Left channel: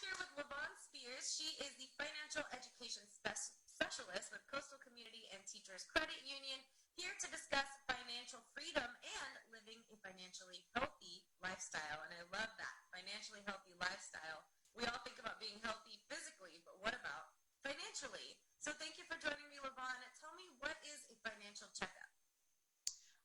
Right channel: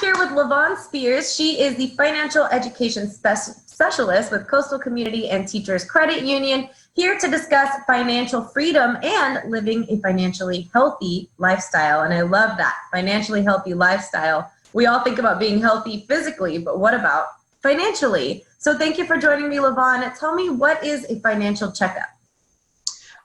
here with LaVon Spears. She is the financial education specialist with Coastal Community and Teachers Credit Union, here to discuss financial freedom and living a financially healthy lifestyle. And I love that, financially healthy lifestyle. We all think about being healthy physically, but what about financially? So thank you for joining me, LaVon. Tell me, what is a financial checkup?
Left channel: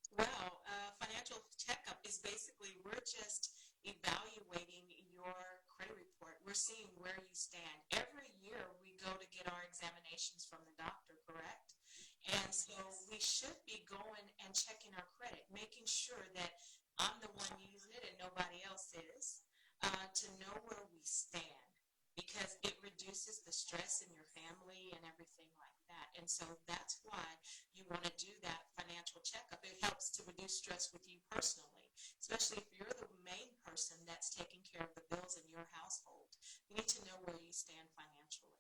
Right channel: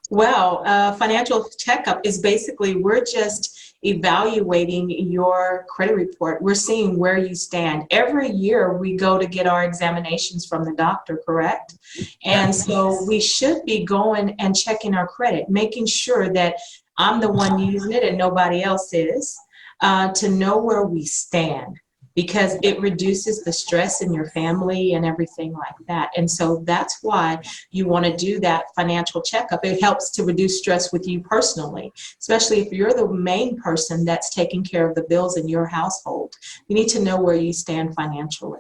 Well, financial checkup is basically, we're just evaluating your credit report. We're seeing where you stand. Every year we go to get our examinations from the doctor, correct? And so we should be going and checking our credit, making sure that I'm the one using it and nobody else is, to know where we stand, because it reduces the stress in your family and everything like that. And so that's why you want to do that financial checkup. It helps to reduce stress with you personally, especially if you're the main person that's taking care of the bills in your household. You need to know where you stand financially.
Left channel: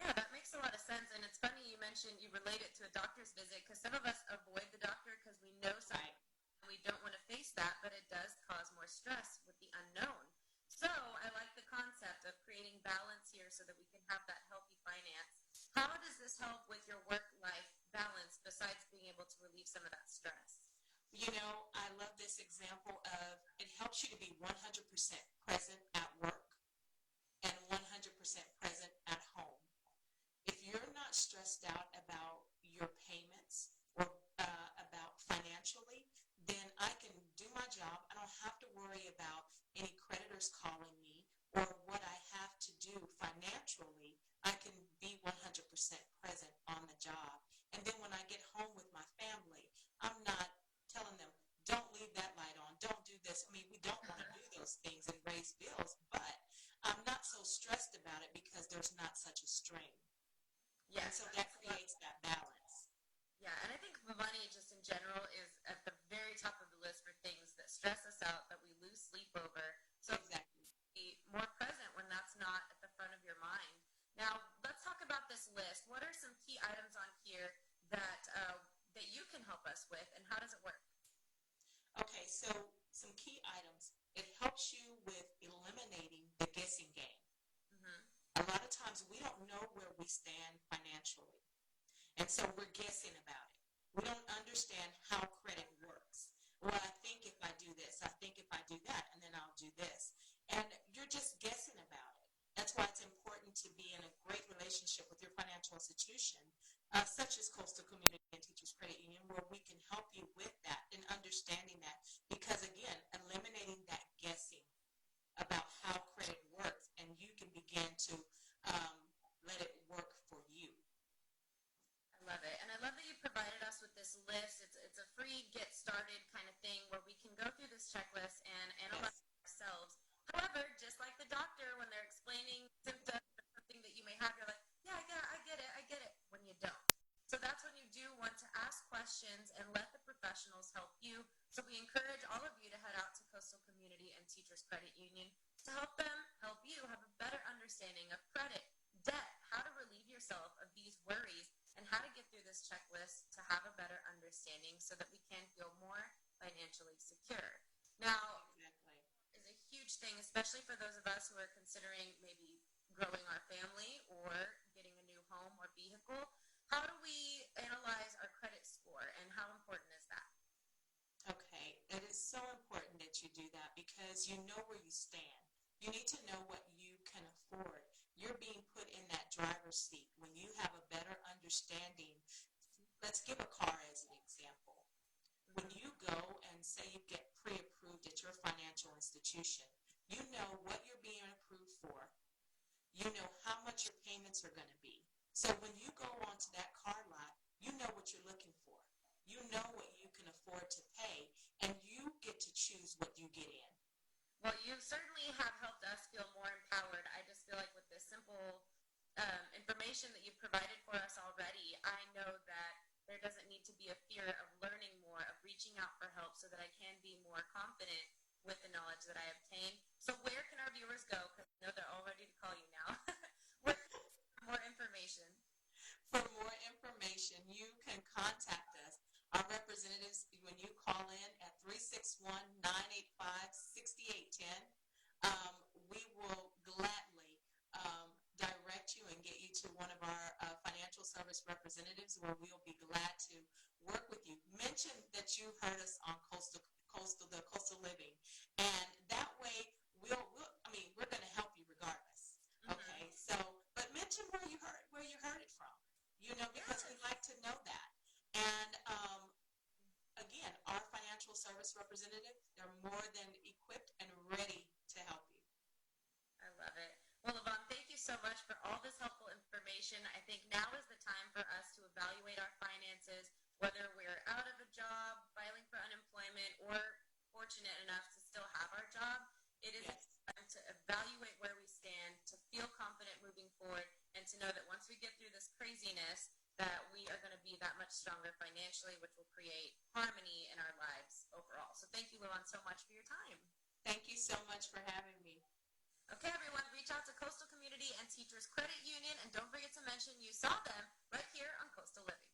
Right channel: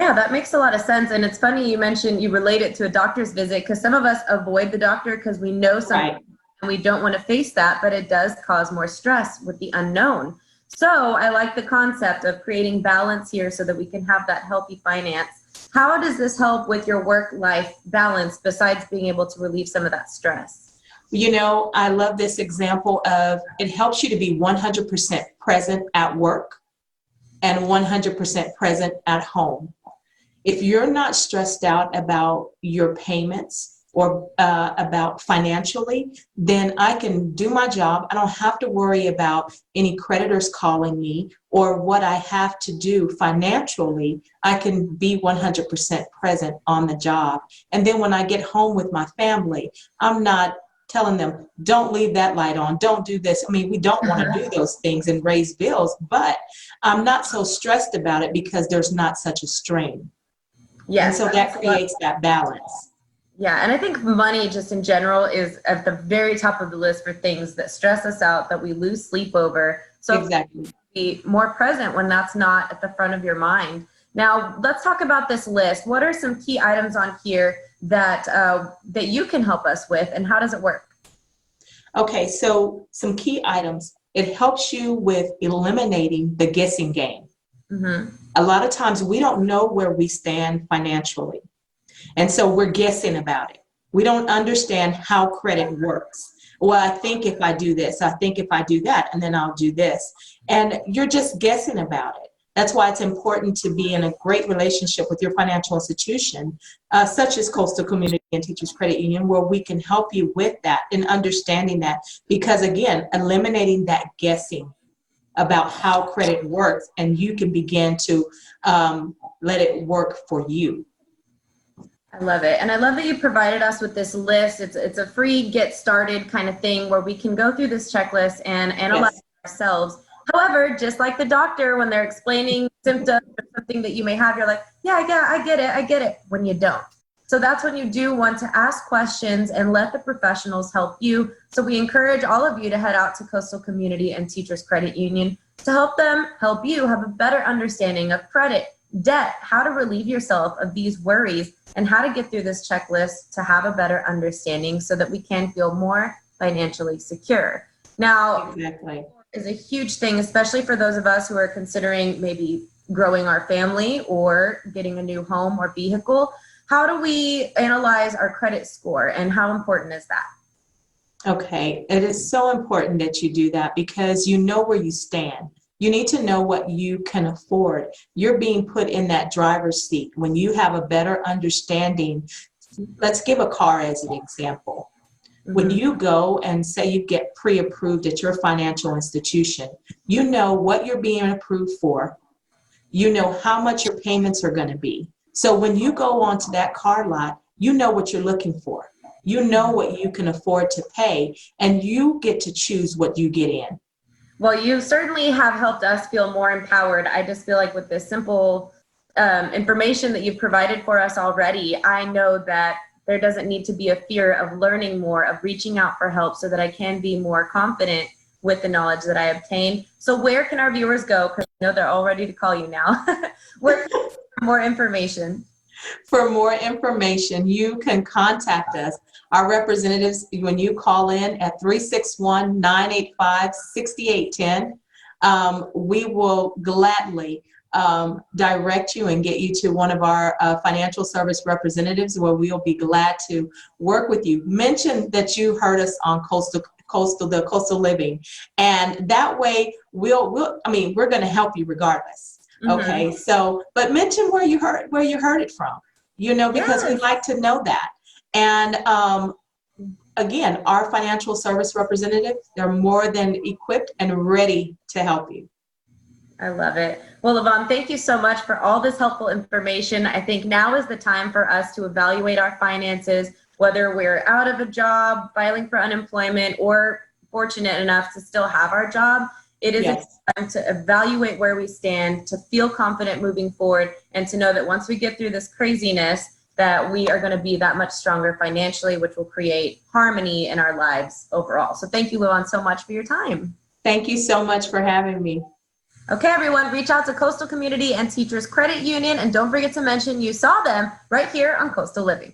Yeah, that makes a lot of sense. And it's funny you mentioned you relate it to a doctor's visit, because some of us avoid the doctor because we know something, right, and we don't want to face that, but it does cause more stress with the unknown. So I like the concept of creating balance here so that we can have that healthy finance. How does this help with your work-life balance besides being able to relieve some of that stress? You know, I love this example of, it helps you to be 100% present at work and 100% present at home. If you're not stressed out about your payments or about financially, then I can do my job. I don't have to worry about any creditors calling me or what I have to do financially. I can be 100% present on the job. And then when I get home with my family, I'm not telling them, don't leave that light on, don't do this. I mean, we don't want to do those things and raise bills, but I'm not so stressed about it because there's not such a strain. Yes. And so that creates that balance. Yeah, and I think money just in general is at the very top of the list for things that stress us out, that we lose sleep over. So exactly, be more present when that's not at the front of your mind. Now, let's talk about this list. What are some key items on here that that you can help us with, and how does it work? Okay, so some key items. It helps you with eliminating the guessing game. Mm-hmm. A lot of times we don't know where we stand financially. And so we're guessing about it. We don't understand how credit works. Well, I think if I do this, I think if I do that, and then I'll do this. And you're just guessing about it. That's why it's important to be in a great relationship with your financial institution, such as Coastal Community and Teachers Credit Union, where we can help you with that and understanding that. Because again, eliminating that guessing about how credit works, and you can begin to let it work for you. I love it. And I love that you provided us with this list. It's a free get started kind of thing where we can go through this checklist and analyze ourselves. However, just like the doctor, when they're explaining symptoms or something that you may have, you're like, yeah, I get it, when you don't. So that's when you do want to ask questions and let the professionals help you. So we encourage all of you to head out to Coastal Community and Teachers Credit Union to help you have a better understanding of credit, debt, how to relieve yourself of these worries, and how to get through this checklist to have a better understanding so that we can feel more financially secure. Now, exactly, is a huge thing, especially for those of us who are considering maybe growing our family or getting a new home or vehicle. How do we analyze our credit score, and how important is that? Okay, it is so important that you do that, because you know where you stand. You need to know what you can afford. You're being put in that driver's seat when you have a better understanding. Let's give a car as an example. Mm-hmm. When you go and say you get pre-approved at your financial institution, you know what you're being approved for. You know how much your payments are going to be. So when you go onto that car lot, you know what you're looking for. You know what you can afford to pay, and you get to choose what you get in. Well, you certainly have helped us feel more empowered. I just feel like with this simple information that you've provided for us already, I know that there doesn't need to be a fear of learning more, of reaching out for help, so that I can be more confident with the knowledge that I obtained. So where can our viewers go? Because I know they're all ready to call you now. Where can we get more information? For more information, you can contact us. Our representatives, when you call in at 361-985-6810, we will gladly direct you and get you to one of our financial service representatives, where we'll be glad to work with you. Mention that you heard us on the Coastal Living, and that way we're going to help you regardless. Okay, so but mention where you heard it from, because we like to know that. And again, our financial service representative, they're more than equipped and ready to help you. I love it. Well, Yvonne, thank you so much for all this helpful information. I think now is the time for us to evaluate our finances, whether we're out of a job, filing for unemployment, or fortunate enough to still have our job. It is time to evaluate where we stand, to feel confident moving forward, and to know that once we get through this craziness, that we are going to be that much stronger financially, which will create harmony in our lives overall. So thank you, Yvonne, so much for your time. Thank you so much for having me. Okay, everyone, reach out to Coastal Community and Teachers Credit Union, and don't forget to mention you saw them right here on Coastal Living.